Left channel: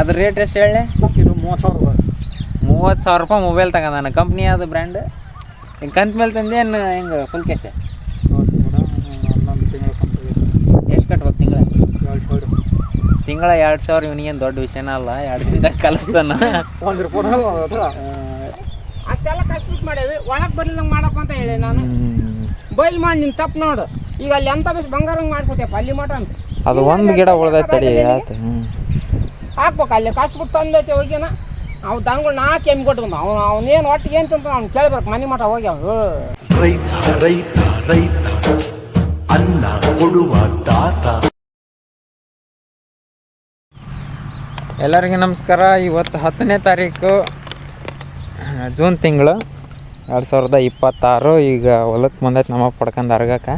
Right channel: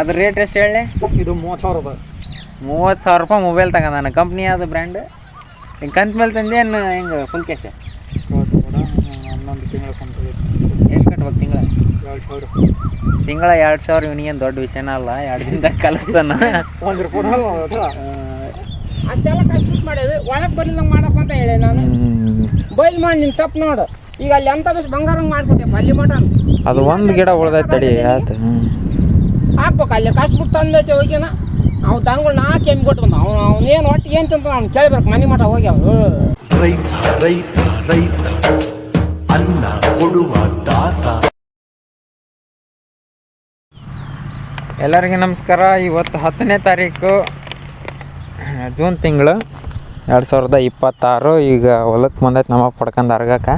ಅದ್ರ ರೇಟ್ ಎಷ್ಟು ಹೇಳಿ? ಇದು 30,000 ರೂಪಾಯಿ. 30,000 ರೂಪಾಯಿ ಮೊಬೈಲ್ ತಗೊಂಡಾನ. ಕಂಪ್ನಿ ಯಾವುದು ಬ್ರ್ಯಾಂಡ್? ಹಿಂಗೆ ಕಂತ ಮೇಲೆ ತಂದೇನು ಹೆಂಗೆ ಫುಲ್ ಕ್ಯಾಶ್? ಹನ್ನೊಂದು ತಿಂಗಳ ಕಂತು. ಎಷ್ಟು ಕಟ್ಬೇಕು ತಿಂಗಳ? 2,000. ತಿಂಗಳ 2,000 ಇವನಿಗೇನು ದೊಡ್ಡ ವಿಷಯನ ಅಲ್ಲ. 2 ದಿನದಾಗ ಕಲಿಸ್ತಾನ. ಒಂದು ರೂಪಾಯಿ ಅಷ್ಟೆಲ್ಲ ಕಟ್ಬಿಟ್ಟು ಮಾಡೇವಿ. ಒಳಗೆ ಬರ್ಲಿಲ್ಲ ಮಾಡಪ್ಪ ಅಂತ ಹೇಳಿ ನಾನು ಬೈಲ್ ಮಾಡಿ ನಿನ್ ತಪ್ಪು ನೋಡು. ಈಗ ಅಲ್ಲಿ ಎಂತ ಬೇಸ್ ಬಂಗಾರ ಮಾಡ್ಬಿಟ್ಟೆ ಅಲ್ಲಿ ಮಟ ಅದು ಒಂದು ಗಿಡ ಉಳ್ದೈತೆ ತಡಿ ಆಯ್ತು. ಹಾಕ್ಬೇಕು ಅಲ್ಲಿ ಕಚ್ಬಿಟ್ಟು ತಂದೈತೆ ಹೋಗಿನ ಅವು ದನಗಳು ನಾ ಕೆಮ್ಮಿ ಕೊಟ್ಟು ಬಂದ ಅವನೇನು ಒಟ್ಟಿಗೆ ಏನು ಅಂತ ನಾನು ಕೇಳ್ಬೇಕು ಮನೆ ಮಠ ಹೋಗಿ ಅವರು ರೈತ ಅನ್ನ ಕೊಡುವ ದಾತ. ಎಲ್ಲರಿಗೂ ನಮಸ್ಕಾರ. ಇವತ್ತು 10ನೇ ತಾರೀಕು ಜೂನ್ ತಿಂಗಳು 2026. ಈಗ ಹೊಲಕ್ಕೆ ಬಂದೈತೆ ನಮಗೆ ಪಡ್ಕೊಂಡು ಅರ್ಗಕ್ಕೆ.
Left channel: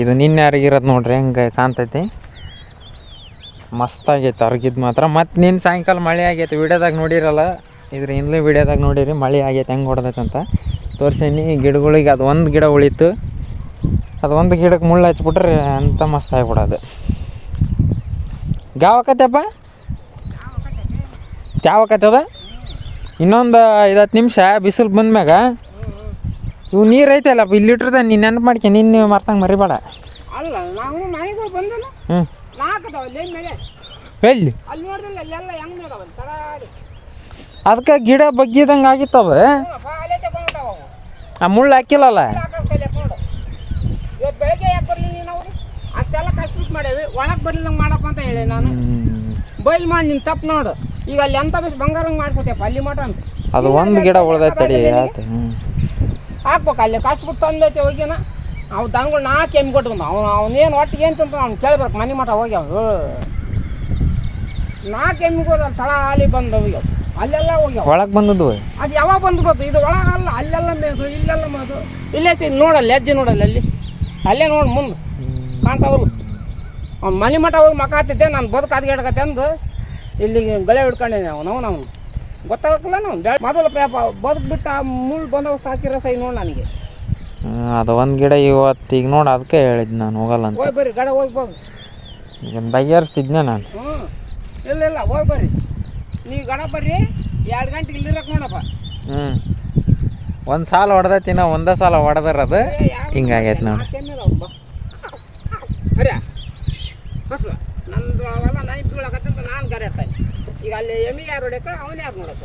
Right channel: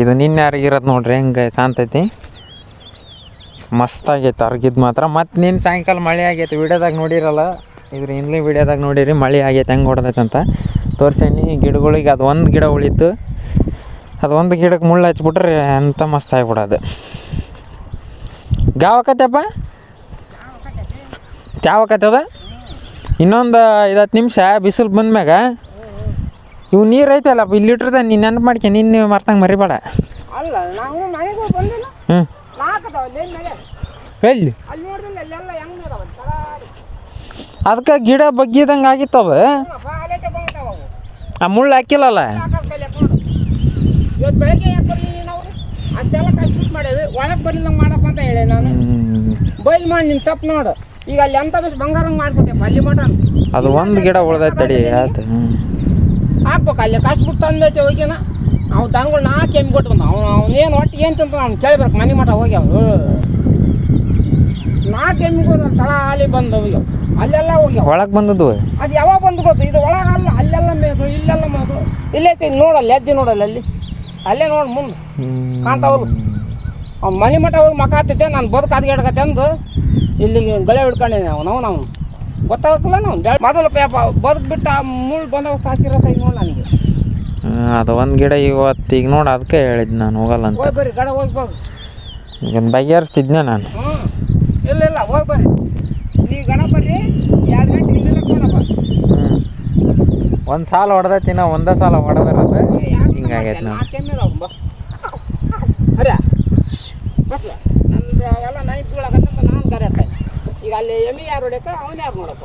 ಇದು ನಿನ್ನೆ ಅರಗಿರೋದು ನೋಡ್ರಿ ಹೆಂಗೆ ಕಾಣ್ತೈತಿ. ಮಸ್ತಾಗೈತೆ ಅರ್ಗಿದ್ದು ಮಾತ್ರ. ಮತ್ತು ನಿನ್ನ ಸಾಯಂಕಾಲ ಮಳೆ ಆಗೈತೆ. ವಿಡಿಯೋದಾಗ ನೋಡಿರಲ್ಲ, ಇದ್ರ ಹಿಂದ್ಲೂ ವಿಡಿಯೋದಾಗ ನೋಡಿರಿ ಮಳೆ ಆಗೈತೆ ಹೆಂಗೆ ಹೊಡೆದೈತೆ ಅಂತ ತೋರಿಸೀನಿ. ಗಿಡಗಳಿಗೆ ಅದು ಒಂದು ಗಿಡ ಉಳಿತು. ಅದು ಒಂದು ಗಿಡಕ್ಕೆ ಮುಳ್ಳು ಹಚ್ಬಿಟ್ರೆ ಅಂತ ಮಸ್ತ್ ಆಗಿಬಿಡೋದು. ಗಾವಕತ್ತಪ್ಪ ಚಾವಕತ್ತದ. ಇನ್ನೊಂದು 5-10 ನಿಮಿಷ ಬಿಸಿಲು ಬಂದ್ಮ್ಯಾಗ ಇವು ನೀರು ಐತಲ್ಲಪ್ಪ ಇಲ್ಲಿ ಇಟ್ರದ ನೀನು ನೆನಪು ಮಾಡ್ಕೆ. ನಿನ್ನೆ ಮರ್ತಂಗೆ ಮರಿಬೇಡ. ಅಲ್ಲ ನಾವು ಮನೆಗೆ ಬಂದಲ್ಲ ಎಲ್ಲಿ ಅಲ್ಲಿ ನೋಡಿದ್ರೆ ಅಲ್ಲೆಲ್ಲ ಹೆಂಗೆ ಅದಕ್ಕೆ ಗಿಡ ಬಗ್ಗಿದಂಗೆ ಆಗಿತ್ತವ. ಆ ಮುಳ್ಳು ಹಾಕಿಲ್ಲಲ್ಲ. ಇವತ್ತು ಬೆಳಗ್ಗೆ ಯಾಕೆ ಬರಲಿ ನಾವು ಅಷ್ಟೆಲ್ಲ ಕಟ್ಬಿಟ್ಟು ಮಾಡೇವಿ. ಒಳಗೆ ಬರ್ಲಿಲ್ಲ ಮಾಡಪ್ಪ ಅಂತ ಹೇಳಿ ನಾನು ಬೈಲ್ ಮಾಡಿ ನಿನ್ ತಪ್ಪು ನೋಡು. ಈಗ ಅಲ್ಲಿ ಎಂತ ಬೇಸ್ ಬಂಗಾರ ಮಾಡ್ಬಿಟ್ಟೆ ಅಲ್ಲಿ ಮಟ ಅದು ಒಂದು ಗಿಡ ಉಳ್ದೈತೆ ತಡಿ ಆಯ್ತು. ಹಾಕ್ಬೇಕು ಅಲ್ಲಿ ಕಚ್ಬಿಟ್ಟು ತಂದೈತೆ ಹೋಗಿನ ಅವು ದನಗಳು ನಾ ಕೆಮ್ಮಿ ಕೊಟ್ಟು ಬಂದ ಅವನೇನು ಒಟ್ಟಿಗೆ ಏನು ಅಂತ ನಾನು ಕೇಳ್ಬೇಕು ಮನೆ ಮಠ ಹೋಗಿ ಅವರು ನಾ ಕೆಮ್ಮಿ ಕೊಡು ತಳ ಹಾಲಿ ಬಂದು ಹೋಗ್ಯಾವ ಅಲ್ಲೆಲ್ಲ ಹೋಗ್ಯಾವ. ಒಳಗೆ ಬಂದದ್ದು ಅದು ಯಾವಾಗ ಬಂದು ಗೊತ್ತು. ಇದು ಒಳಗಲ್ಲ ಅಲ್ಲೆಲ್ಲ ಮೇಸು ಇಲ್ಲೆಲ್ಲ ಮೇಸು ಇಲ್ಲೇ ನೋಡಲ್ಲ ಹೆಜ್ಜೆ ನೋಡಲ್ಲ ಅಲ್ಲಿ ಅಲ್ಲೇ ನೋಡಿ ಮುಂದೆ ಕಾಂತಾವಲ್ಲ. ಅವ್ನು ಮನೆ ಮಠ ಹೋಗಿ ಮಕ್ಕ ಹತ್ತೈತೆ ನಾನು ಬದುಕು ಅದ್ಗಡ್ಕತ್ತೆ ಅಂದು ಇಲ್ಲಿಗೆ ಗಳೆ ಹಿಡ್ಕೊಂಡೇನೆ ನಾವು ಗೊತ್ತಾಗಲ್ಲ ನಾವು ಮೊದಲು ಪೇಪ ಬದುಕು ಬಿಟ್ಟು ಆ ಮುಳ್ಳು ಬಂದವಷ್ಟು ಹಾಕಿರೋ ಸೈ ನೋಡಿ ನನಗೆ. ಅದು ಒಂದು ಗಿಡ ಇವತ್ತು ಈಗ ನೋಡಿ ಅದಕ್ಕೆ ಹೇಳಿದ್ದು ನಾನು ಹೋಗಲ್ಲ ಅಂತ. ಹೋಗಿ ಬರ್ರಿ ಗಡ ಹೋಗಿ ಬರ್ರಿ. ಈಗ ಬಗೆಹರಿಸ್ತಿದ್ನೆ ನಾನು. ಇಲ್ಲ ಹೋಗಿ ಬರ್ರಿ ನೀವು ಗಡ ಬರ್ರಿ 2 ಗಂಟೆ ಇಲ್ಲಿರಕ್ಕೆ ನೋಡಪ್ಪ. ಒಂದು ಸಾಲ ಹೊಡೆದೈತಿ ನಾವು ಒಂದೇ ಸಾಲ ಹೊಡೆದಿರೋದು ಹಿಂಗಾಗೈತೆ ನಾವು. ಅರೆ ಬಸ್ ನಂದು ಅವೆಲ್ಲ ನೈಟ್ ಬೀಳಕತ್ತಂತ ನಾನು ಕರೆಕ್ಟ್. ಈಗ ಅಲ್ಲಿ ಎಮ್ಮೆ ಯಾರು ಹೊಡ್ಯಕ ಅವನು ಯಾರು ನೋಡಪ್ಪ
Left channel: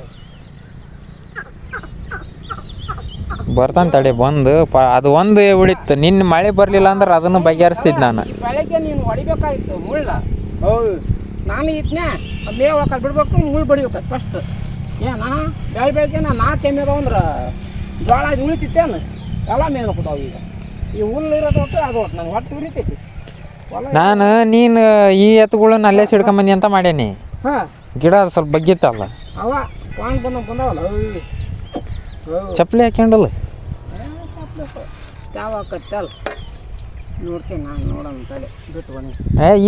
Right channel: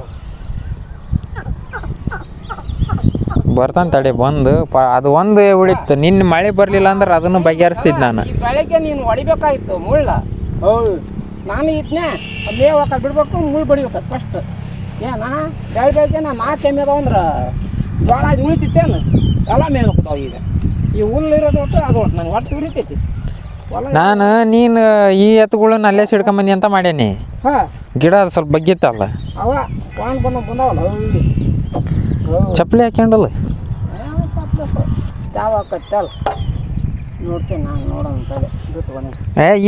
ಬರ್ತಾನೆ ತಡಿ ಬಂದು ಅದು ಒಂದು ಉಳಿತು. ನಿನ್ನ ಮಳೆ ಬರಲಿಲ್ಲ ಅಂದ್ರೆ ಅದನ್ನು ಬಗೆಹರಿಸ್ತಿದ್ದು ನಾನು. ಬೆಳಗ್ಗೆ ನೀನು ಹೊಡಿಬೇಕಾಗಿತ್ತು ಮುಳ್ಳ. ಹೌದು ನಾನು ಇದ್ನೇ ಅಲ್ಲೇ ಹೋಗಕ್ಕೆ ಬಿಡ್ಬೇಕು ಮುಳ್ಳು ಬಡಿಬೇಕು ಫಸ್ಟ್. ಏನ ಬೆಳಗ್ಗೆ ನಾ ಕೆಮ್ಮೆದ ಅಂದ್ರೆ ಜೋಳ ಅದು ಉಳಿತಿತ್ತೇನು ಎಲ್ಲ ಮೇಲೆ ಹೋಗ್ತಾವೆ. ಈಗ ಈ ಹುಲ್ಲು ಇರೋದು ಒಟ್ಟು ಅದು ಒಟ್ಟು ನನಗೆ ಹೊಟ್ಟೆ ಉಳಿತೈತಿ. ನಾನು ನೀನು ಈ ಎತ್ತುಗಳನ್ನ ಅಲ್ಲೇ ಸಿಡ್ಕೊಂಬಂದಿ ಅಂತ ಮಾಡೇನಿ. ಹಾಂ ಗಿಡ ಸ್ವಲ್ಪ ಬಗ್ಗಿತ್ತಲ್ಲ ಅವ ವಾಂಗ್ ಬಂದವಲ್ಲ ಚಪ್ಪಲಿ ಹಾಕ್ಯಂಡಲ್ಲ ಯಾವ ಹಾಕತ್ತಲ್ಲ ನೋಡ್ತೀನಿ ನಾನು ನೋಡೋಣ ತಲೆ ಬಿಟ್ಟು ಬಂದು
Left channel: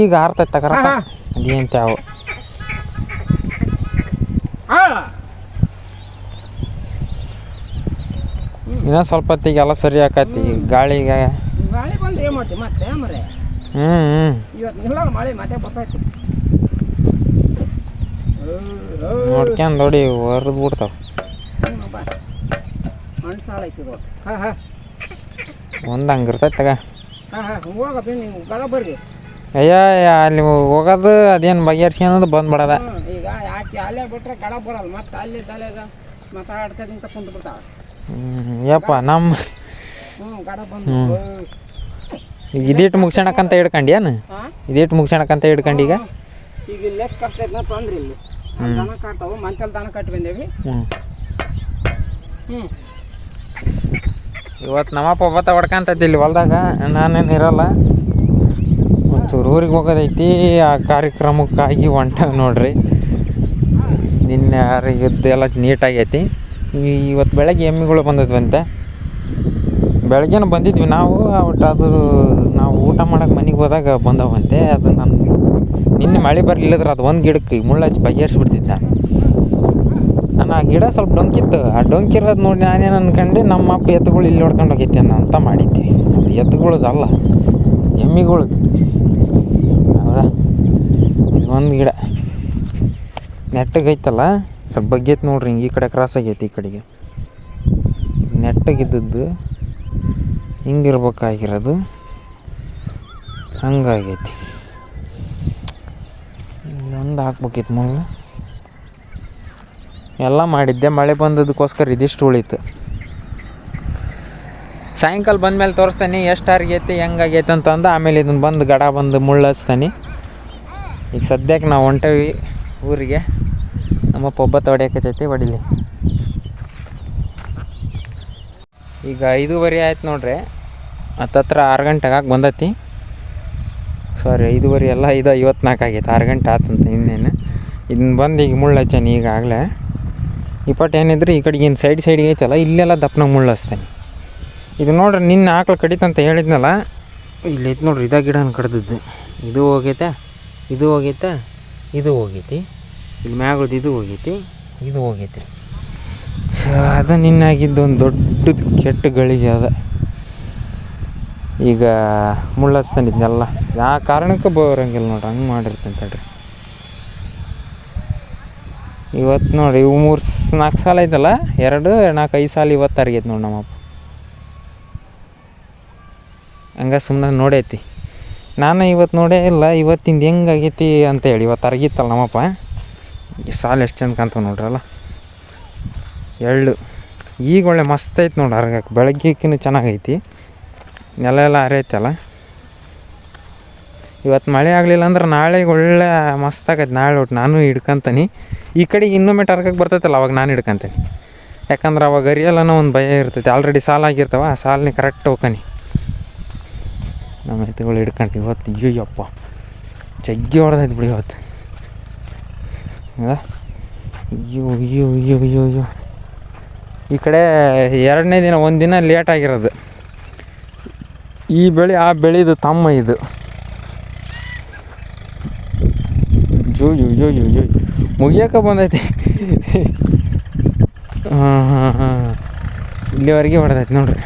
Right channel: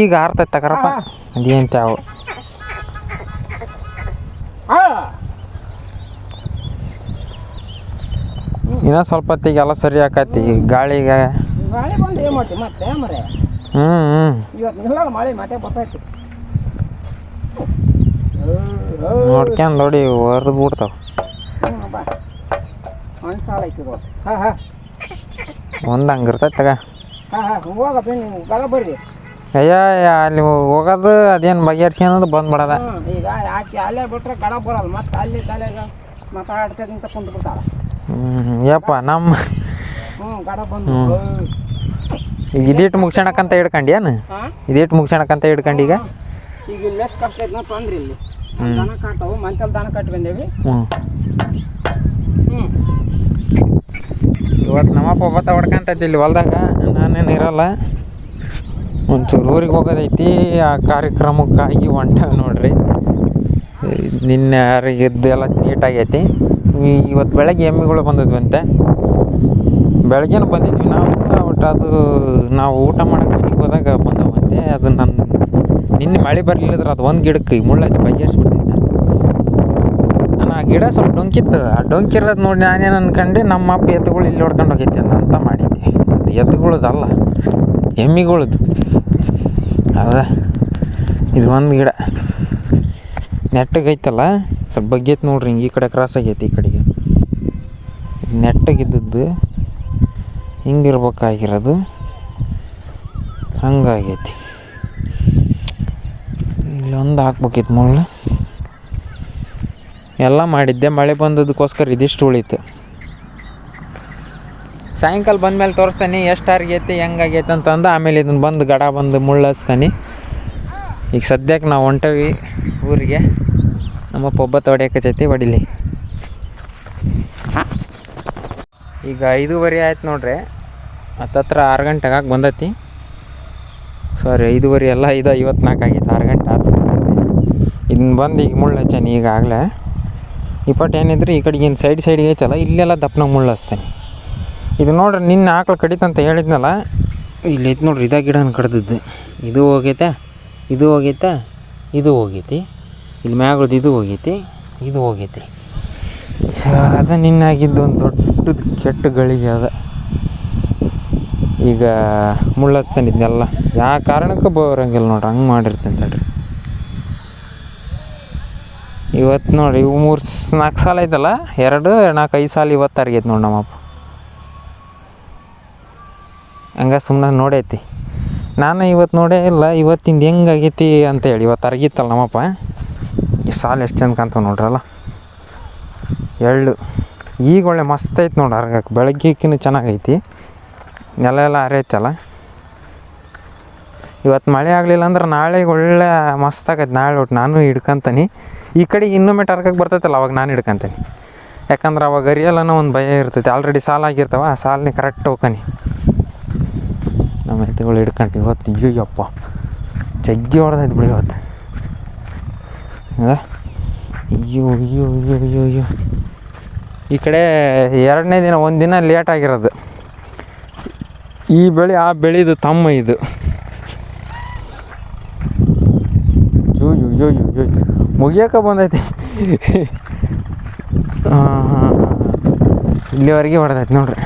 ಈಗ ಆರ್ತೈತೆ ತಗರಪ್ಪ ಅದೇನು ತ್ಯಾವು. ಇನ್ನೂ ಸ್ವಲ್ಪ ಹೊತ್ತಿಗೆ ಎಲ್ಲ ಸರಿ ಆಕತಿ ಗಾಳಿಗೆ. ಮಳೆ ಬಂದು ಏನು ಮಾಡ್ತೀವಿ ಮತ್ತೆ ಮರೆ ಇವತ್ತು ನಿಲ್ಲಲ್ಲ ಮಳೆ ಮತ್ತೆ ಬರ್ತೈತಿ. ನೋಡ್ಕೊಂಡು ನೋಡಿ ಹೊರದು ಬಿಡ್ತಾವ. ಬಾ ಮಣ್ಣು ಸಾಲ ಐತಿದು. ಹಾಂ ಒಂದು ಹಂಗೆ ಇರ್ತೈತೆ ತಗ. ಹೋಗಪ್ಪ ನೀವು ಗಡ ಬರ್ರಿ. ಅಯ್ಯ ಅಲ್ಲಿ ಹೋಗೋದು ಅದೇನು ಬಗೆಹರಿಸ್ಕೊಳೋದು ಬಂದ್ಬಿಡೋದ. ಈಗ ಯಾಕೆ ಅಲ್ಲೇ ಬಿಟ್ರೆ ಗಡ ಬರಲ್ಲ ಮತ್ತೆ ಅಲ್ಲಿ ತಲೆಗೆ ಮಾತಾಡ್ತಕ್ಕಂತ ಕುಂತು ಬಿಡ್ತಾಳೆ. ಯಪ್ಪ ನಮ್ಮ ಗಡ ಬಂದು ಈಗ ಇದಿಟ್ಟು ಮುಗಿಸೋಣಕ್ಕಂತ ಹಿಡ್ಕೊಂಡು ಏನು ಇದಿಟ್ಟು ಮುಗಿಸೋಣಕ್ಕಂತ ಹಿಡ್ಕೊಂಡು ಈಗ ಲೆಸ್ ಕಷ್ಟ ಐತೆ ತೊಂದ್ರೆ ಇಲ್ಲಿ ದನ ಕಾಡ್ತಾವೆ ಮಂಚಲ್ಲಿ ದನ ಕಟ್ಟಿ ಬಂದೇವಿ. ಇವತ್ತು ನಮ್ಮಪ್ಪ ಭತ್ತ ಹೊಡ್ಕೊಂತೈತಿ ಇಲ್ಲಿ ಹೊಲ್ದಾಗ. ನಾನು ಇರಲ್ಲ, ಒಂಚೂರು ಊರಿಗೆ ಹೋಗೋದೈತಿ. ಆ ಕಾರ್ಯಕ್ರಮಕ್ಕಾಗಿ ಹೊಂಟ ನೋಡ್ರಿ. ನಿನ್ನೆ ಇದ್ದೆಲ್ಲ ನೀಟಾಗೈತಿ. ಇವತ್ತು ಬೆಳಗ್ಗೆ ಎಮ್ಮೆಗಳು ಬಂದಿದ್ವಂತೆ. ಬೆಳಗ್ಗೆನೂ ಬಂದಿದ್ವಿ ನಾವು. ಒಟ್ಟು ಅದು ನಾವು ಊಟ ಮಾಡೋಕೆ ಮನೆಗೆ ಹೋದಾಗ ಬಂದವಂತೆ. ಅದು ನನ್ನ ನಿನ್ನೆ ಮಳೆ ಬರಲಿಲ್ಲದ್ರೆ ಅದು ಒಂದು ಗಿಡಕ್ಕೆ ಮುಳ್ಳು ಹಚ್ಚಿ ಬಗೆಹರಿಸ್ಬಿಡ್ತಿದ್ದೆ ನಾನು. ಆ ಗಿಡ ಸ್ವಲ್ಪ ಡೊಂಕಿತ್ತು. ಆ ಡೊಂಕಿರೋದು ನೋಡಿ ನಾನೇನು ಅನ್ಕೊಂಡೆ ನಮ್ಮ ಅಪ್ಪ ಎತ್ತುಗಳು ಇಲ್ಲಿ ಹೊಡ್ಕೊಂಡು ಹೋಗೈತಿ ಅಂತ ಮಾಡಿದ್ದೆ. ಎತ್ತುಗಳದಲ್ಲ ಎಮ್ಮಿಗಳದು. ಹೌದಾ ಇದು ಒಂದು ಗಿಡ ನೆಟ್ಟಗೈತಲ್ಲ, ಸ್ವಲ್ಪ ಬಗ್ಗೈತೆ ನೋಡ್ರಿ, ಹಿಂಗೆ ಈ ಕಡೆ ಕ್ರಾಸ್ ಆಗೈತಿ, ಈ ಕಡೆಗೆ ನೆಟ್ಟಗಿದ್ದದ್ದು ಹಿಂಗಿರ್ಬೇಕಾಗಿರೋದು ಹಂಗಾಗೈತಿ. ಇಲ್ಲೊಂದು ಹಾಕ್ಬೇಕಿತ್ತು ಮುಳ್ಳು. ಎಲ್ಲ ಮಾಡಿದ್ದೆ, ಮಳೆ ಬಂದದಕ್ಕೋಸ್ಕರ ಇದಿಷ್ಟು ಉಳಿತು. ಸಾಯಂಕಾಲ ಬಂದಮೇಲೆ ತೋರಿಸ್ತಾನೆ ಎಷ್ಟು ಆಗೈತಿ ಹೆಂಗಾಗೈತಿ ಅಂತಂದು. ಆಮೇಲೆ ಇದನ್ನು ಬಂದು ಗಡ ಬಂದು ಮುಳ್ಳು ಹಚ್ತಾನೆ. ಈಗ ಸದ್ಯಕ್ಕೆ ನಾವು ಹೊಂಟವಿ ಊರಿಗೆ. ನಮ್ಮಪ್ಪ ಒಬ್ಬತ್ತು ಹೊಡ್ಯಕಚ್ಚೈತಿ, ಹೊಡಿಲಿ. ಈಗ 5:30 ಆಯ್ತು ನೋಡ್ರಿ. ಹತ್ತತ್ರ 6 ಗಂಟೆಗೆ ಹಾಕಿ ಬಂದೈತಿ. ಸಾರಿ 5:30 ಅಲ್ಲ, 5:54 ಆಗೈತೆ. 6 ಗಂಟೆ ಆಯ್ತು ಇನ್ನೇನು. ಇದನ್ನ ಬಂದು ಈಗ ಮುಳ್ಳು ಹಚ್ಚಾನೆ ಈಗಾಗಲೇ. ಇಪ್ಪಟ್ಟು ಏನಿದ್ರೆ ಈ ಕಡೆಗೆ ಇನ್ನು ಸೈಡಿಗೆ ಐತಲ್ಲ, ಇಲ್ಲೆಲ್ಲ ದಪ್ಪನಾಗ ಮುಳ್ಳು ಹಚ್ತಾನೆ. ಇದು ನೋಡ್ರಿ, ನಿನ್ನೆ ಆಕಳು ಕಡಿತಂತ ಹೇಳಿದ್ನಲ್ಲ, ಇಲ್ಲಿ ಐತೆ ನೋಡ್ರಿ, ಇದಾಗ ಗಿಡನ ಕಡ್ದದ್ದು. ಇದು ಹೋಗೈತೆ, ಇದು ಹೋಗೈತೆ, ಇದು ಹೋಗೈತಿ. ಇಲ್ಲಿ ಮ್ಯಾಗಳ್ದು ಇದು ಹೋಗೈತಿ, ಇದು ಹೋಗೈತಿ. ಅದು ನಿನ್ನಾಗಿದ್ದು ಒಂದು ದೊಡ್ಡದು ಕೆಟ್ಟ ಗಳಿಗೆ ಅದ. ಈಗ ಮುಳ್ಳು ಹಚ್ತಾನೆ ಇದನ್ನೆಲ್ಲ. ಯಾವ ಕಾರಣಕ್ಕೆ ಬರೋಂಗಿಲ್ಲ ನೋಡ್ರಿ, ಹಂಗೆ ಮಾಡಿರ್ತೀನಿ ತಡ್ರಿ. ಇವತ್ತು ನೋಡಿರಿ, ಇವು 3-4 ಸಾಲ ಐತಲ್ಲ, 2-4-5 ಸಾಲ ಇವತ್ತು ಅರ್ಗೈತಿ ನೋಡಿ ನಮ್ಮಪ್ಪ. ಹಂಗೆ ಸುಮ್ಮನೆ ನೋಡೈತಿ. ನಾನು ಇವತ್ತು ನೋಡೇ ಇಲ್ಲ, ಇವತ್ತಿಂದ ಹೆಂಗಾಗೈತಿ ಅಂತೇಳಿ. ಇವತ್ತು ಅರ್ಗಿತ್ತಲ್ಲ ನಮ್ಮಪ್ಪ. ಈ ಸಾಲ ಎಷ್ಟು ಚಂದ ಕಾಣ್ತಾವೆ ನೋಡ್ರಲ್ಲ, ಎಳ್ಳು. ಈಗ ಒಳ್ಳೆ ಮಸ್ತ್ ಐತೆ ನೋಡಿ ಅರ್ಗಕ್ಕೆ. ಬೆಳಗ್ಗೆಕಿನ್ನ ಚೆನ್ನಾಗೈತಿ, ನೆಲ ಎಲ್ಲ ಹರಿಯೈತಲ್ಲ. ಇವತ್ತು ಮಳೆ ಆಗಲಿಲ್ಲ ಅಂದ್ರೆ ನಾಳೆಗೆ ಒಳ್ಳೆ ಮಸ್ತ್ ಆಗೈತೆ. ನಾಳೆ ಒಟ್ಟು ನಾನು ಹಿಡ್ಕೊಂತೀನಿ. ಈ ಕಡೆಗೆ ಇನ್ನೊಮ್ಮೆ ಅರ್ಗಕ್ಕೆ ಬರ್ತೈತಲ್ಲ, ಅವಾಗ ನಾನು ಹಿಡ್ಕೊಂತೀನಿ. ಯಾಕಂದ್ರೆ ಅವಾಗ ಅರಿಯಲ್ಲನೋ ಒಂದು ಭಯ ಇರ್ತೈತಿ. ಆಲ್ರೆಡಿ ಸಾಲ ಆಗಿರ್ತಾವ, ಆ ಸಾಲನೇ ಕರೆಕ್ಟ್ ಹೋಗ್ಕನಿ. ನಮ್ಮ ಎತ್ತುಗಳು ಹಿಡ್ಕೊಂಡು ಇವತ್ತು ಅಯ್ಯಪ್ಪ ಜಗ್ಗಿ ಹೊಡೆದೈತೆ ಬಿಡಿ ಇವತ್ತು. ಅಯ್ಯೋ ಅಯ್ಯೋ ಅಯ್ಯೋ ಅಯ್ಯೋ ಅಯ್ಯೋ. ಈ ಕಡೆ 2ನೇ ದಿನ, ಒಂದು ದಿನ ಲೇಟ್ ಆಗಿರೋದು. ಈ ಬೆಳೆ ಆ ಬೆಳೆದು ತಮ್ಮ ಇದು. ಜೋ ಯೋ ಯೋ ಯೋ ಯೋ ಮುಗಿಯೋಕೆ ಬಂದೈತಿ. ಹಾಂ ಇಲ್ಲಿವರೆಗೆ ಹೊಡೆದೈತಿ ನೋಡ್ರಿ.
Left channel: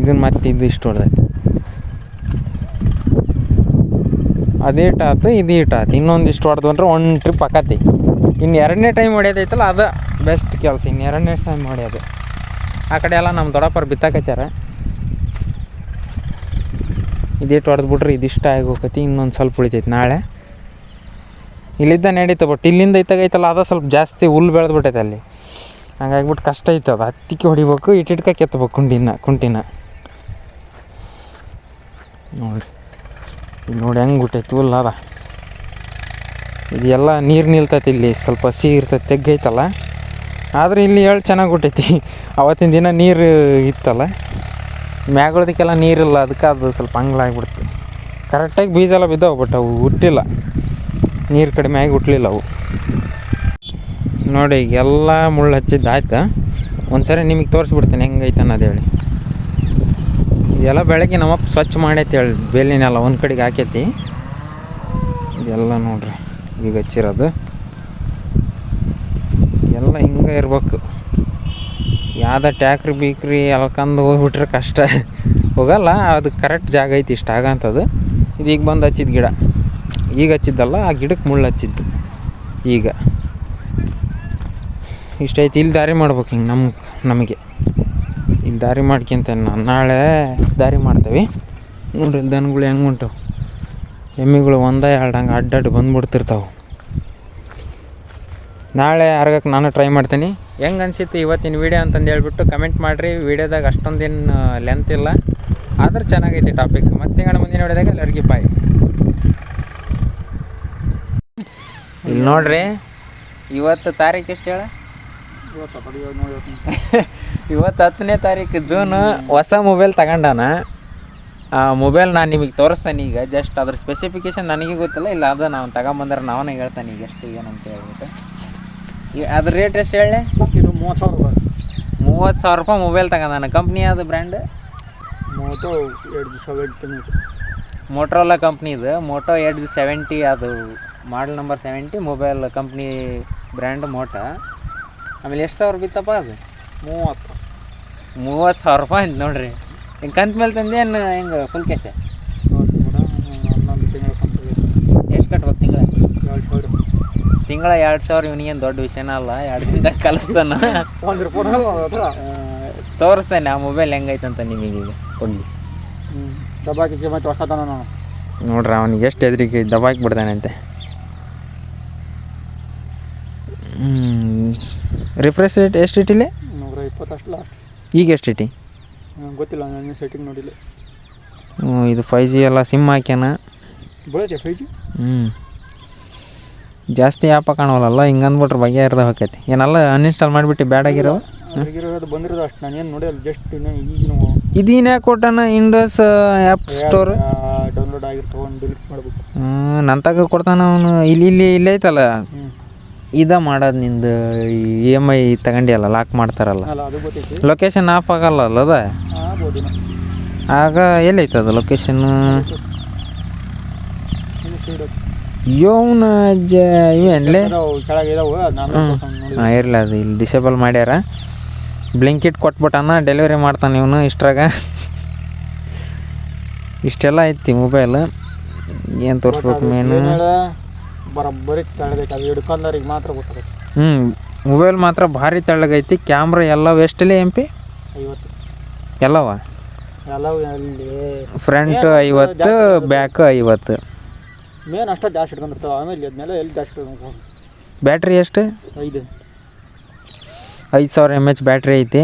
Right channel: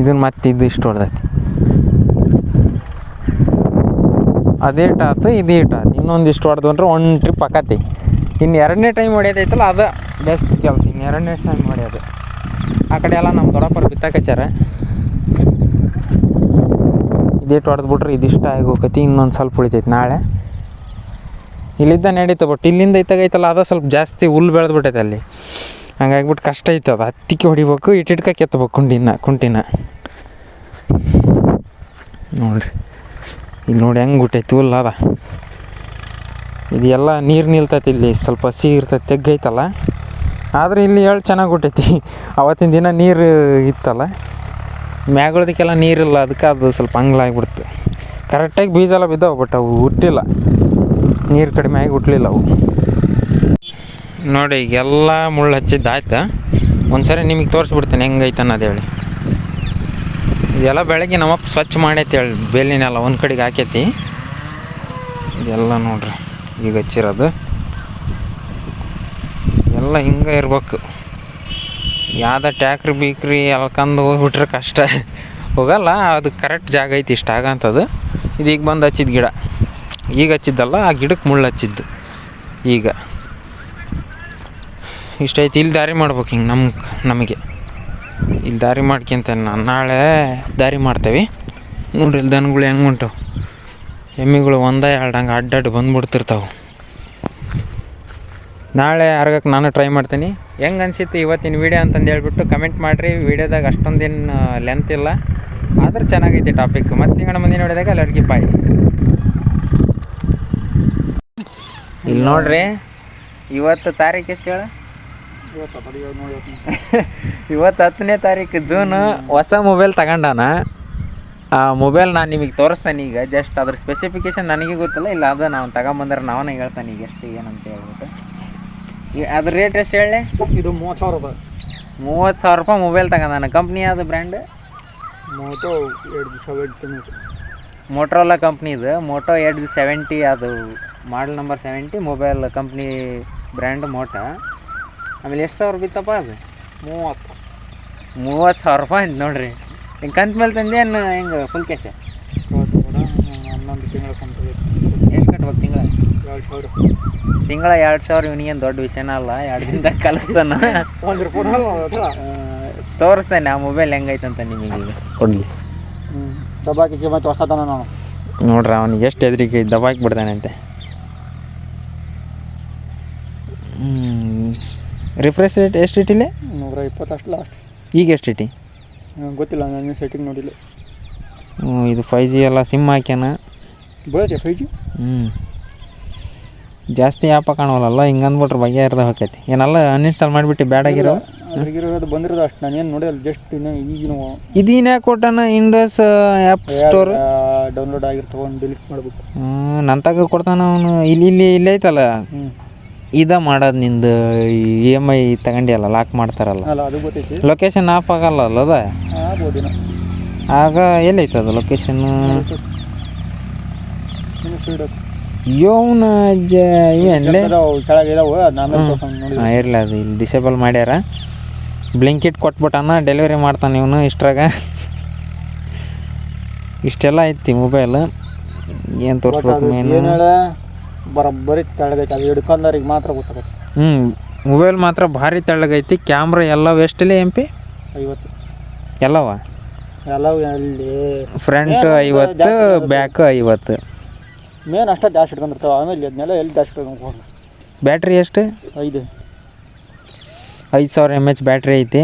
ಇದನ್ನು ಮತ್ತೆ ಇದು ಇಷ್ಟು ಹೊಡೆದೈತಿ. ಅದೇ ಇಟ್ಟಾತು, ಇದು ಇಟ್ಟಾತು. ಇನ್ನೊಂದಿಷ್ಟು ಹೊಡೆದು ಅಂದ್ರೆ ಒಂದು ಟ್ರಿಪ್ ಆಕತಿ. ಇನ್ನು 2ನೇ ಟೈಮ್ ಹೊಡೆಯೋದೈತಲ್ಲ, ಅದು ಬೆಸ್ಟ್ ಕೆಲಸ. ಇನ್ನು 2ನೇ ಟೈಮ್ ಹೊಡೆಯೋದು. ಆ ಕಡೆ ಎಲ್ಲ ನಮ್ಮ ದೊಡ್ಡಪ್ಪರು ಬಿತ್ತಾಕಚ್ಚಾರ. ಇದಿಟ್ಟು ಹೊಡೆದ್ಬಿಟ್ರೆ ಇದಿಷ್ಟ ಆಗಿ ಹೋಗತಿ. ಇನ್ನೊಂದು ಸ್ವಲ್ಪ ಉಳಿತೈತಿ ನಾಳೆ. ಇಲ್ಲಿದ್ದ ನಡೀತು, ಬಟ್ ಇಲ್ಲಿಂದ ಇತ್ತಾಗೈತಲ್ಲ, ಅದು ಸ್ವಲ್ಪ ಜಾಸ್ತಿ ಹುಲ್ಲು ಬೆಳೆದ್ಬಿಟ್ಟೈತೆ ಅಲ್ಲಿ. ಹಂಗಾಗ್ಬಿಟ್ಟು ಕಷ್ಟ ಐತೆ. ಅದು ಹತ್ತಿಕ್ಕೆ ಹೊಡಿಬೇಕು, ಇಟ್ಟಿಟ್ಕ ಕೆತ್ತಬೇಕು ಕುಂಟಿನ. ನೋಡಿರಿ ಇಲ್ಲಿ ನೋಡಿ ಹೆಂಗೆ ಬಿಟ್ಟೈತಿ ಹುಲ್ಲು ಅದ. ಇದು ಎಲ್ಲ ನೀರು ನಿಲ್ತೈತಿ. ಇಲ್ಲಿ ಸ್ವಲ್ಪ ಸಿಹಿ ಇರ್ತೈತಿ, ತೆಗ್ಗೈತಲ್ಲ. ಆದರೆ ಇಲ್ಲಿ ಚೆನ್ನಾಗಿ ಬಿಟ್ಟೈತಿ. ಅವತ್ತಿನ ದಿನ ನೀರು ಇತ್ತಲ್ಲ, ಮ್ಯಾಗಳದಕ್ಕೆಲ್ಲ ನೀರಿಲ್ಲ, ಅದಕ್ಕೆ ಅದು ಸ್ವಲ್ಪ ಹಂಗ್ಲಾಗ್ಬಿಡ್ತು. ಕರೆಕ್ಟಾಗಿ ಬೀಜ ಎಲ್ಲ ಬಿದ್ದಾವೆ, ಬಟ್ ಅವು ಹುಟ್ಟಿಲ್ಲ. ನೀರು ಕಡಿಮೆ ಆಗಿ ಹುಟ್ಟಲಿಲ್ಲ ಅವು. ನೋಡಿ ಈಗೆಲ್ಲ ಮುಳ್ಳು ಹಚ್ಚಿದ್ದು ಆಯ್ತು. ಒಂದು ಸರಿ ನಿಮಗೆ ತೋರಿಸ್ಬಿಡ್ತೀನಿ ಹೆಂಗೈತೆ ಅನ್ನೋದು ಹೇಳಿ. ಇದೆಲ್ಲ ಬೆಳಗ್ಗೆ ನಮ್ಮಪ್ಪ ಸ್ವಚ್ಛ ಮಾಡೈತಿ ಹೇಳಿ. ಬೇಲಿನೆಲ್ಲ ಒಂದು ಕಡೆಗೆ ಹಾಕೈತಿ. ಇದೆಲ್ಲ ನೋಡ್ರಿ ಈಗ ಹಚ್ಚಿರೋದು ಎಲ್ಲ ಹಿಂಗೆ ಇರ್ಬೇಕು. ಯಾವುದೇ ಟ್ಯಾಕ್ರಿ ಬೀಕ್ರಿ ಎಲ್ಕಂದು ಹೋಗ್ಬಿಟ್ರೆ ಕಷ್ಟ ಹೋಗಲ್ಲ. ಅದು ಕರೆಕ್ಟ್ ಜಾಗ ಐತಿ, ಇಷ್ಟ ಆಗಂಥದ್ದು. ಇದು ಈಗ ಬಂದು ಹಚ್ಚಿದ ಗಿಡ. ಈಗ ಹಚ್ಚಿದ್ದಲ್ಲ, ಆ ಗಿಡಕ್ಕೆ ಮುಳ್ಳು ಹಚ್ಚಿದ್ದು. ಈಗ ಇಷ್ಟೈತಿ. ಇಲ್ಲಿ ದಾರಿ ಮಾಡ್ಬೇಕು ಹಿಂಗೆ ನಮಗೆ ಇಲ್ಲಿ ದಾರಿ ಮಾಡ್ಕೊಂತ ನಾಳೆ ದಾರಿ ಮಾಡ್ತೇವೆ. ನೋಡ್ರಿ ಇಲ್ಲಿ ದನಗಳು ಹೆಂಗೆ ಉಂಟವು. ಎಮ್ಮಿಗಳು 1-2 ಹಂಗೆ ಅಡ್ಡಾಡಿ ಬಂದುಬಿಡ್ತಿರ್ತಾವೆ. ನಾಳೆ ಅರ್ಗಕ್ಕೆ ನಾನು ಟ್ರೈ ಮಾಡ್ತೀನಿ. ಹೆಂಗೆ ಅನಿಸಿತ್ತು ಇವತ್ತಿನ ವೀಡಿಯೋ ಅಂತಂದು ಹೇಳ್ಬಿಟ್ಟು ಕಮೆಂಟ್ ಮಾಡಿರಿ. ವೀಡಿಯೋದಾಗ ಅಷ್ಟೊಂದೇನು ಲೆಂತ್ ಇಲ್ಲ, ಆದ್ರೆ ಚೆನ್ನಾಗೈತಿ ಟಾಪಿಕ್. ಮತ್ತೆ ಸಿಗೋಣ ಮುಂದಿನ ನೋಡಿದಾಗ ಎಲ್ಲರಿಗೆ ಬಾಯ್. ಇಲ್ಲಿ ನೋಡ್ರಿ, ಇವತ್ತು ತಾರೀಕು ಎಷ್ಟು ಹೇಳ? ಇವತ್ತು 10ನೇ ತಾರೀಕು ಜೂನು. ಹೊಸ ಮೊಬೈಲ್ ತಗೊಂಡಾನ. ಆ ಮೊಬೈಲ್ ನಾನು ನಿಮಗೆ ತೋರಿಸ್ತಾನೆ ಈಗ. ಜಸ್ಟ್ ಅದ್ರ ಸ್ಪೆಸಿಫಿಕೇಶನ್ ನನಗೆ ಗೊತ್ತಿಲ್ಲ. ಇಲ್ಲ ಅದು ನಾವು ತಗೊಂಬಂದ್ರೆ ನಾವೇ ಹೇಳ್ತಾನೆ ಈಗ ಎಷ್ಟು ಏನಂತ ಹೇಳ್ಬಿಟ್ಟು. ಅದ್ರ ರೇಟ್ ಎಷ್ಟು ಹೇಳಿ? ಇದು 30,000 ರೂಪಾಯಿ. 30,000 ರೂಪಾಯಿ ಮೊಬೈಲ್ ತಗೊಂಡಾನ. ಕಂಪ್ನಿ ಯಾವುದು brand? Moto Edge 70. Motorola company ಇದು. ಮೋಟೋ Edge 70, ಅದು model number 70. Mobile company brand Moto. ಆಮೇಲೆ ಎಷ್ಟು ಸಾವಿರ ಬಿತ್ತಪ್ಪ ಅದು? 30,000 ರೂಪಾಯಿ ಅಂತ ನೋಡ್ರಿ. ಹಿಂಗೆ ಕಂತ ಮೇಲೆ ತಂದೇನು ಹೆಂಗೆ ಫುಲ್ ಕ್ಯಾಶ್? 11 ತಿಂಗಳ ಕಂತು. 2,000 ತಿಂಗಳ 2,000 ಇವನಿಗೇನು ದೊಡ್ಡ ವಿಷಯನ ಅಲ್ಲ. 2 ದಿನದಾಗ ಕಲಿಸ್ತಾನ. 1 ರೂಪಾಯಿ ತೋರಿಸ್ತೇನೆ ಆ ಮೊಬೈಲ್ ಹೆಂಗೈತಂತ ನಿಮಗೆ ಈಗ ಕೊಡಲಿ. ದಬ್ಬಾಕಿ ಮತ್ತೆ ಹೊಸತನ ನಾನು ನೋಡ್ರಿ ಅವನಿಗೆ ಎಷ್ಟು ಹೆದರಿಕೆ ದಬಾಕಿ ಬಿಡ್ತಾನಂತೆ. ರಿಫ್ರೆಶ್ ರೇಟ್ ಎಷ್ಟು ಇಟ್ಟಿಲ್ಲ? 120 ಅಷ್ಟು ಲಾಸ್ಟ್. ಈಗ ಎಷ್ಟು ಇಟ್ಟಿ? ಗೊತ್ತಿಲ್ಲ, ನಾನು ಸೆಟ್ಟಿಂಗ್ ನೋಡಿಲ್ಲ. ಇದು 5G ಎಲ್ಲ ಸಿಮ್ ಹಾಕ್ಯಾನ. ಬೀಳತ್ತೆ 5G. ಜಾಸ್ತಿ ಆ್ಯಪ ಕಾಣವಲ್ಲ, ಹಿಂಗೆ ಅಂದ್ಬಿಟ್ರೆ ಬಗ್ಗೆ ಇರ್ದ ಹೋಗೈತಿ. ಏನೆಲ್ಲ ಅನ್ಇನ್ಸ್ಟಾಲ್ ಮಾಡಿಬಿಟ್ಟು ಬ್ಯಾಡಾಗಿರೋ ಅದು ಬಂದಿರೋದು ಅಷ್ಟು ನಾನೇನು ನೋಡಿಲ್ಲ. ಜಸ್ಟ್ ಈಗಿನ ಇದೀನ ಕೊಟ್ಟಾನ ಇಂಡೋಸ್ ಆ್ಯಪ್ ಸ್ಟೋರ್ ಡೌನ್ಲೋಡ್ ಆಗಿರ್ತವೆ, ಡಿಲೀಟ್ ಮಾಡ್ಬೇಕು. ನನ್ನ ತಗ ಕೊಡ್ತಾನ ಅವನು. ಇಲ್ಲಿ ಐತಲ್ಲ, ಇದ ಮಾಡೋದು ನಿಂದು EMI ತಗೊಂಡಿಯಲ್ಲ, ಲಾಕ್ ಮಾಡ್ತಾರಲ್ಲ, ಅಲ್ಲ ಅದು ಗೊತ್ತೈತಿ. ಲೊಕೇಶನ್ ಆಫ್ ಆಗಲ್ಲ ಅದ ಆಗ್ಬೋದಿನ. ಆಗ ಎಲ್ಲೈತದ ಲೊಕೇಶನ್? ಇನ್ನು ಸೀಡ್ ಇವನ ಇವೇನ್ಲೇ ಕೆಳಗಿದಾವೆ. ನಾನು ಹಾಂ ಇರಲಿ, ಅದು ಇಲ್ಲಿ ಡಿಸೇಬಲ್ ಮಾಡ್ಯಾರ. ಬ್ಲಿಂಕಿಟ್ ಕೊಟ್ಬಿಟ್ಟಾನ, ಡೆಲಿವರಿ ಮಾಡ್ತಾನೆ ಇವನು. ಇಷ್ಟ್ರಾಗ ಇಷ್ಟೆಲ್ಲ ಐತಿ ಮೊಬೈಲ್. ಏನು ತೋರಿಸ್ಬೇಕು ಮೇನು? ಬರೋಬ್ಬರಿ ತೆಳಗೈತಿ. ಅದು ಹಿಡ್ಕೊಂಡವ್ರಿಗೆ ಮಾತ್ರ ಗೊತ್ತಾಗೈತಿ. ಮೊಬೈಲ್ ಮಾತ್ರ ಭಾರಿ ತೆಳ್ಳಗೈತಿ. ಕ್ಯಾಮ್ರಾ ಎಲ್ಲ ಎಷ್ಟಲ್ಲೇ MP 50 ಎಲ್ಲವ? ಎಲ್ಲವೂ ಅಲ್ಲಿ ಫ್ರಂಟ್ 50, ಬ್ಯಾಕ್ 50. ಮೇನ್ ಅಷ್ಟೇ ಜಾಸ್ತಿ ಹಿಡ್ಕೊಂಡಿರ್ತಾವೆ. ಆಮೇಲೆ ಅದನ್ನೆಲ್ಲ ಎಲ್ಲಿ ಜಾಸ್ತಿ ಹಿಡ್ಕೊಂಡು. ಬ್ಯಾಟ್ರಿ ಎಷ್ಟು? 5000 mAh ಬ್ಯಾಟ್ರಿ ಐತಿ.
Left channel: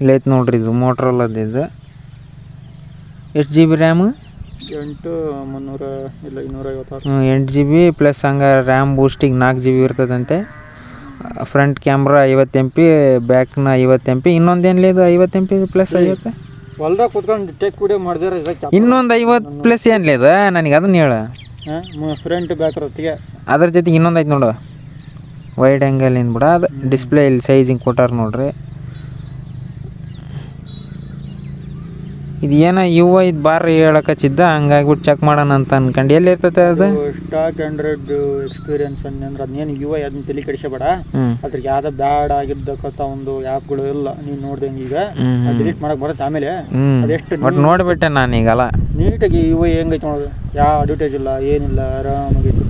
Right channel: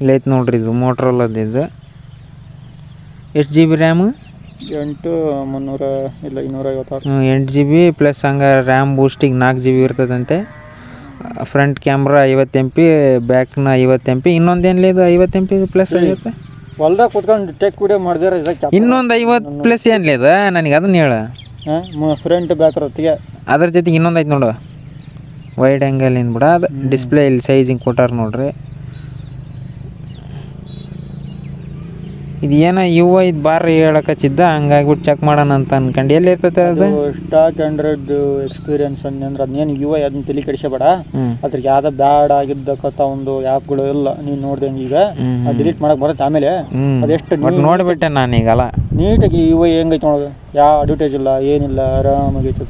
ಇಲ್ಲೈತೆ ನೋಡ್ರಿ, ಇದು ಮೋಟ್ರೋಲದ್ದು. ಇದು ಎಷ್ಟು GB ರ್ಯಾಮು? 8 ಇಲ್ಲ 256. 8 GB ಪ್ಲಸ್ ಹಂಗೆ ರ್ಯಾಮ್ ಬೂಸ್ಟಿಗೆ 4 GB ಇರ್ತದಂತೆ. ಫ್ರಂಟ್ ಕ್ಯಾಮ್ರಾ 50 MP, ಬ್ಯಾಕ್ನ 50 MP. ಇನ್ನೊಂದೇನಿಲ್ಲ, ಇದು 50 MP ಪ್ಲಸ್ 50. ಹೊಲ್ದಾಗ ಕೂತ್ಕೊಂಡು ಟೇಕ್ ವಿಡಿಯೋ ಮಾಡಿದ್ರೆ ಇನ್ನೊಂದು 50 ಪ್ಲಸ್ ಏನಿಲ್ಲ ಇದು? ನನಗೆ ಅದನ್ನ ಹೇಳ. ಫ್ರಂಟ್ ಬ್ಯಾಕ್ ಇರತ್ತಿಗೆ ಅದ್ರ ಜೊತೆಗೆ ಇನ್ನೊಂದು ಐತೆ ನೋಡು, ವೈಡ್ ಆ್ಯಂಗಲ್ ಏನು ಬಿಡ. ಅದು ಡಿಸ್ಪ್ಲೇ ಇಲ್ಲಿ ಸೈಜ್ ಹಿಂಗೆ ಕೊಟ್ಟಾರ ನೋಡ್ರಿ. ಇದು ಏನೋ UI ಬಾರಿ ಹೇಳಕಚ್ಚಿದ್ದ, ಹಂಗಾಗ್ಬಿಟ್ಟು ಚೆಕ್ ಮಾಡೋಣ ಅಂತ ಅನ್ಕೊಂಡು. ಎಲ್ಲಿ ಇರ್ತೈತೆ ಅದು? ಸ್ಟಾಕ್ ಆಂಡ್ರಾಯ್ಡ್ ಎಕ್ಸ್ಪೀರಿಯನ್ಸ್ ಅಂದ್ರೆ ಅದನ್ನೇನು UI ಅದನ್ನ ತಲೆ ಕೆಡಿಸಬೇಡ. ಅದ್ರಿಗೆ ಯಾವ್ದು ಬ್ಯಾಡ್ ಆಗಿದ್ದಕ್ಕಂಥ ಒಂದು ಆ್ಯಪ್ಗಳು ಇಲ್ಲ. ನೀನು ನೋಡ್ದಂಗೆ ಈಗ ಡಿಲೀಟ್ ಮಾಡಕ್ಕೆ ಬರುತ್ತೆ. ಆಮೇಲೆ ಅದೆಷ್ಟು ಬಟ್ ನೋಡಿಬಿಟ್ಟೆ ನಾನೀಗಲ್ಲ ನೀಟಾಗಿ UI ಹೆಂಗೈತೆ ನೋಡೋದು. ಯಾವ ಅಡ್ವರ್ಟೈಸ್ ಇಲ್ಲ, ಏನಿಲ್ಲ, ಆರಾಮಾಗೈತೆ.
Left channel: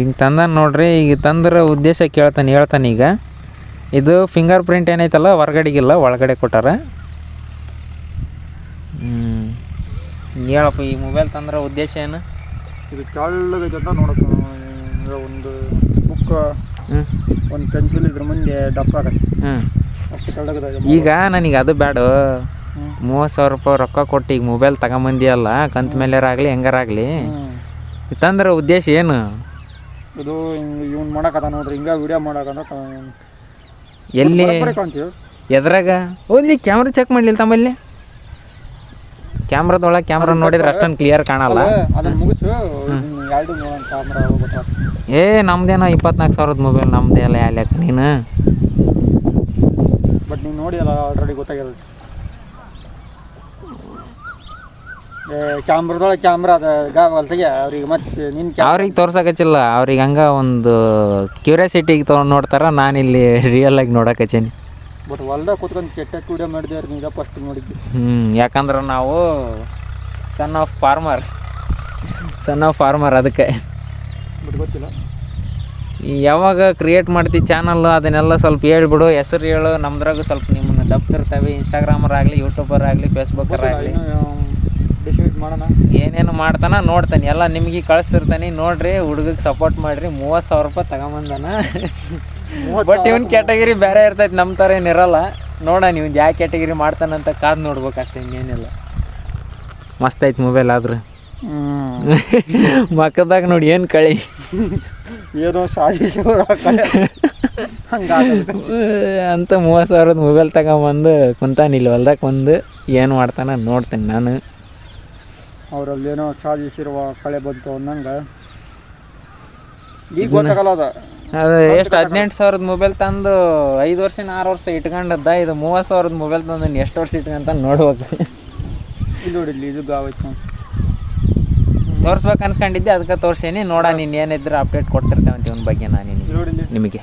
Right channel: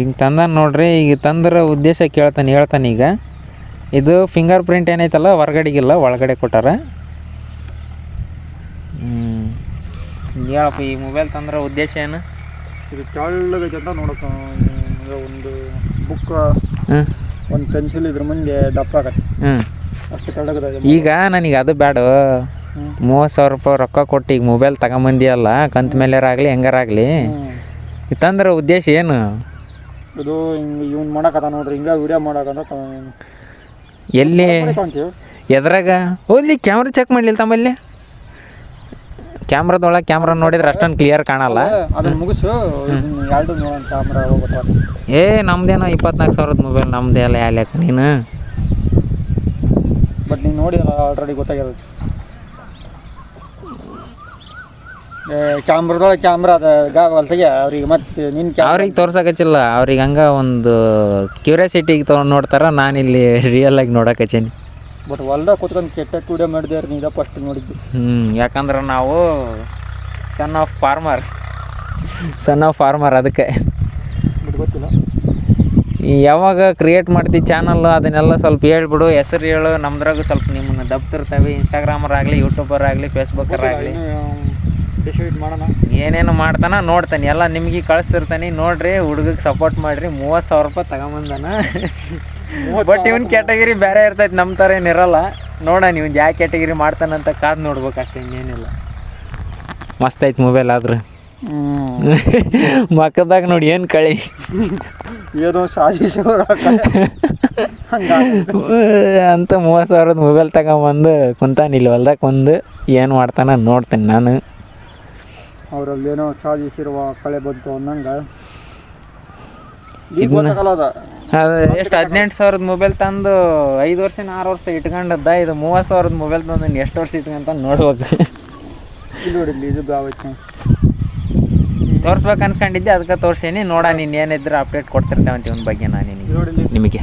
ಈಗ ತಂದ ನೋಡ್ರಿ. ಈಗ ತಂದ್ರ ಉದ್ದೇಶ ಹೇಳ್ತಾನೆ ಈಗ. ಇದು ಫಿಂಗರ್ ಪ್ರಿಂಟ್ ಏನೈತಲ್ಲ, ಹೊರಗಡೆಗಿಲ್ಲ, ಒಳಗಡೆ ಕೊಟ್ಟಾರ. ಹೇಳಪ್ಪ, ಈ ಮೊಬೈಲ್ ತಂದ್ರೆ ಉದ್ದೇಶ ಏನು? ಇದು ತೆಳ್ಳಗೈತೆ ಅಂತ ನೋಡಕ್ಕೆ. ಒಂದು ಬುಕ್, ಒಂದು ಪೆನ್ಸಿಲ್ ಇದ್ರ ಮುಂದೆ ದಪ್ಪ ಆಗತ್ತೆ. ಅಷ್ಟು ತೆಳ್ಳಗದಾಗ. ಈಗ ನನಗೆ ಅದು ಬೇಡ. 30,000 ರೂಪಾಯಿ ರೊಕ್ಕ ಕೊಟ್ಟು ಈಗ ಮೊಬೈಲ್ ತಗೊಂಬಂದಿಯಲ್ಲ, ಕಂತು ಮೇಲೆರಾಗಲಿ ಹೆಂಗಾರಾಗಲಿ, ತಂದ್ರೆ ಉದ್ದೇಶ ಏನು? ಇದು ಹಿಂಗೆ ಇವ್ನು ಮಾಡಕತ್ತ ನೋಡ್ರಿ, ಹಿಂಗೆ ವಿಡಿಯೋ ಮಾಡಕಂತ. ಎಲ್ಲಿ ಎದ್ರಾಗ ಓದ್ಲಿ ಕ್ಯಾಮ್ರಾ ಚೆಕ್ ಮಾಡಲಿಲ್ಲ ತಮ್ಮಲ್ಲಿ? ಕ್ಯಾಮ್ರಾದೊಳಗೆ ಕ್ಯಾಮ್ರಾ ನೋಡಿದ್ರೆ ಅಷ್ಟೊಂದು ಕ್ಲಿಯರ್ ಕಾಣಲ್ಲ. ಅದನ್ನ ಮುಗಿಸು, ಎರಡು ನೋಡೋಣ ಕ್ಯಾಮ್ರಾ ಹೋಗುತ್ತೆ. ನಮ್ದೇನೋ 24,000 ಮೊಬೈಲ್ ನಮ್ದೇ ಅಲ್ಲ, ಯಾಲ್ಯಾಕ ನೀನು? ಬಟ್ ನೀನು ನೋಡಿದಲ್ಲ, ಆಲ್ರೆಡಿ ಗೊತ್ತಾಗಿರುತ್ತೆ. ಕ್ಯಾಮ್ರಾದೊಳಗೆ ಕ್ಯಾಮ್ರಾ ಹೊಲ್ತಾಗೆ ಅವ್ರಿಗೆ ಮತ್ತೆ ನಿನ್ನ ಅವ್ರಿಗೆ ತೋರ್ಸಕಚ್ಚಿಲ್ಲ. ಅವ್ರಿಗೆ ಹಂಗೆ ಒಂದು ಕ್ಯೂರಿಯಾಸಿಟಿಗೆ ತೊಗೊಂಡು ನೋಡ್ತಾರ. ನಾನಿಲ್ಲಿ ರಿಯಲ್ ಆಗಿ ನೋಡಕಚ್ಚೀನಿ. ಬಟ್ ಹೊಲ್ದಾಗ ಕೂತ್ಕೊಂಡು ಕೆಟ್ಟಕ್ಕೆ ವಿಡಿಯೋ ಮಾಡಿದೆ ನೀದ ಫಸ್ಟ್ ನೋಡಿದ್ದು. ಯಾಕಂದ್ರೆ ನಾವು ಸನ್ ಆಫ್ ಫಾರ್ಮರ್ ಅದಕ್ಕೆ. ಬಟ್ ಗೊತ್ತಿಲ್ಲ ಯಾವಾಗ ಕ್ರಿಯೇಟ್ ಮಾಡ್ತೀವಿ ಚಾನಲ್, ಅದನ್ನೆಲ್ಲ ಸ್ವಲ್ಪ ಹೇಳ್ಬಿಡು, ಹೆಸರು ಹೇಳು. ನಮ್ದ್ರಾಗ ಸ್ವಲ್ಪ ನಿಮ್ಮನ್ನು ದಪ್ತಿರ್ತವೆ. ಇನ್ಸ್ಟಾಗ್ರಾಮರಾಗಲಿ, ಯೂಟ್ಯೂಬರಾಗಲಿ, ಫೇಸ್ಬುಕ್ಕರಾಗಲಿ, ಡಿಸೈಡ್ ಮಾಡೋಣ. ಏನೇನು ಮಾಡ್ತಾನೆ ನೋಡ್ತಾನೆ, ಎಲ್ಲ ನಿಮಗೆ ಕಳಿಸ್ತಿರ್ತಾನೆ. ನೋಡ್ರಿ, ಹುಡುಗಗೆ ಸಪೋರ್ಟ್ ಮಾಡಿರಿ. 30,000 ರೂಪಾಯಿ ತಗೊಂಬಂದಾನ. ಬಟ್ ಇವನ್ ಕ್ಯಾಟಗಿರಿ ಬೇರೆ ಇರ್ತೈತೆ, ನಮ್ಮ ಥರ ಏನಿರಲ್ಲ. ನೋಡೋಣ ಇವನ್ ಯಾವ ಕ್ಯಾಟಗಿರಿ ಮಾಡ್ತಾನಂತ ಕಾದು ನೋಡ್ಬೇಕು ಅಷ್ಟೇ, ಇನ್ನೇನಿಲ್ಲ. ಮಸ್ತ್ ಐತೆ ಮೊಬೈಲ್. ಆದ್ರೆ ಮಕ್ಕದಾಗ ನೋಡಿ ಏನು ಕಳಿ ಏನೋ ಸಾಜಿಶ್ ಅಂತ 30,000 ಮೊಬೈಲ್ ತಗೊಂಬಂದು ಕುಂತಾನಿಲ್ಲ ಹೊಲ್ದಾಗ ಒಂದು. ಏನು ಮಾಡ್ತಾನೆ ನೋಡ್ತೇನೆ ನಾನು. ಅವರಲ್ಲೇನೋ ಸಾಧಿಸಿರುವ ಕಳೆ ಬಂತು ಅನ್ನಂಗೆ ಈಗ ಗೊತ್ತಾಗಲ್ಲ. ಅದು ಎಷ್ಟು 18,000 ಮೊಬೈಲ್ ತಂದು 5 ವರ್ಷ 6 ವರ್ಷ ಇಟ್ಕೊಂಡದ್ದ. ಇದು 30,000 ಮೊಬೈಲ್ ತಂದು ಎಷ್ಟು ವರ್ಷ ಇಟ್ಕೊಂತ ನೋಡ್ಬೇಕು. ಇಲ್ಲಿ ನೋಡಿಲ್ಲಿ ಇದು ಗಾವಚ್ಚ ತೋರಿಸ್ಬೇಕು ಅನ್ಸ್ಕೊಂಡಿದ್ದೆ, ಅದಕ್ಕೆ ತೋರಿಸೀನಿ. ನೋಡ ನೀನು ಏನಿದ್ರೆ ಅಪ್ಡೇಟ್ ಕೊಡ್ತಿರ್ತೇವಂತ ಇವನ ಬಗ್ಗೆ ನಾನು ನಿಮಗೆ.